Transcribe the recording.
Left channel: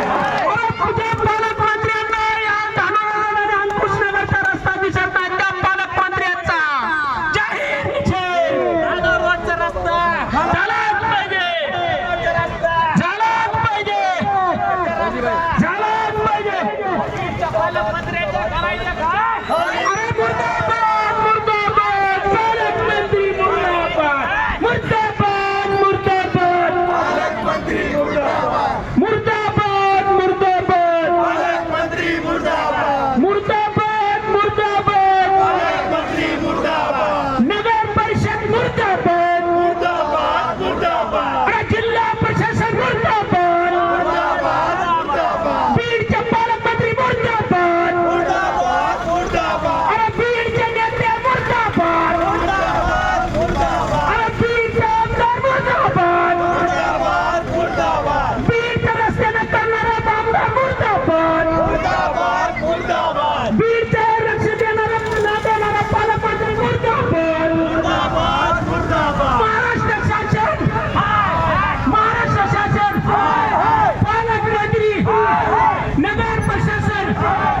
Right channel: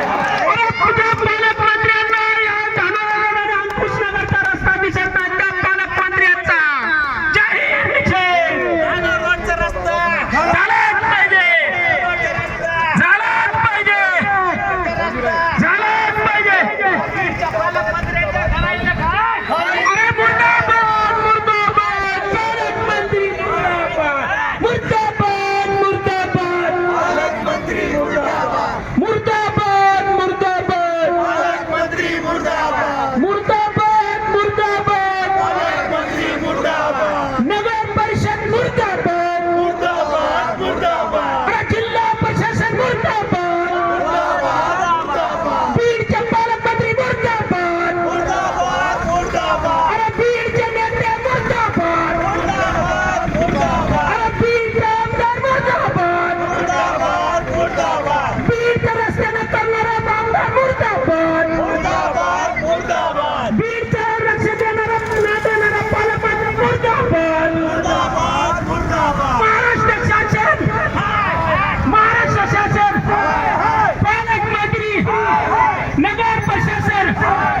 Hey! Right.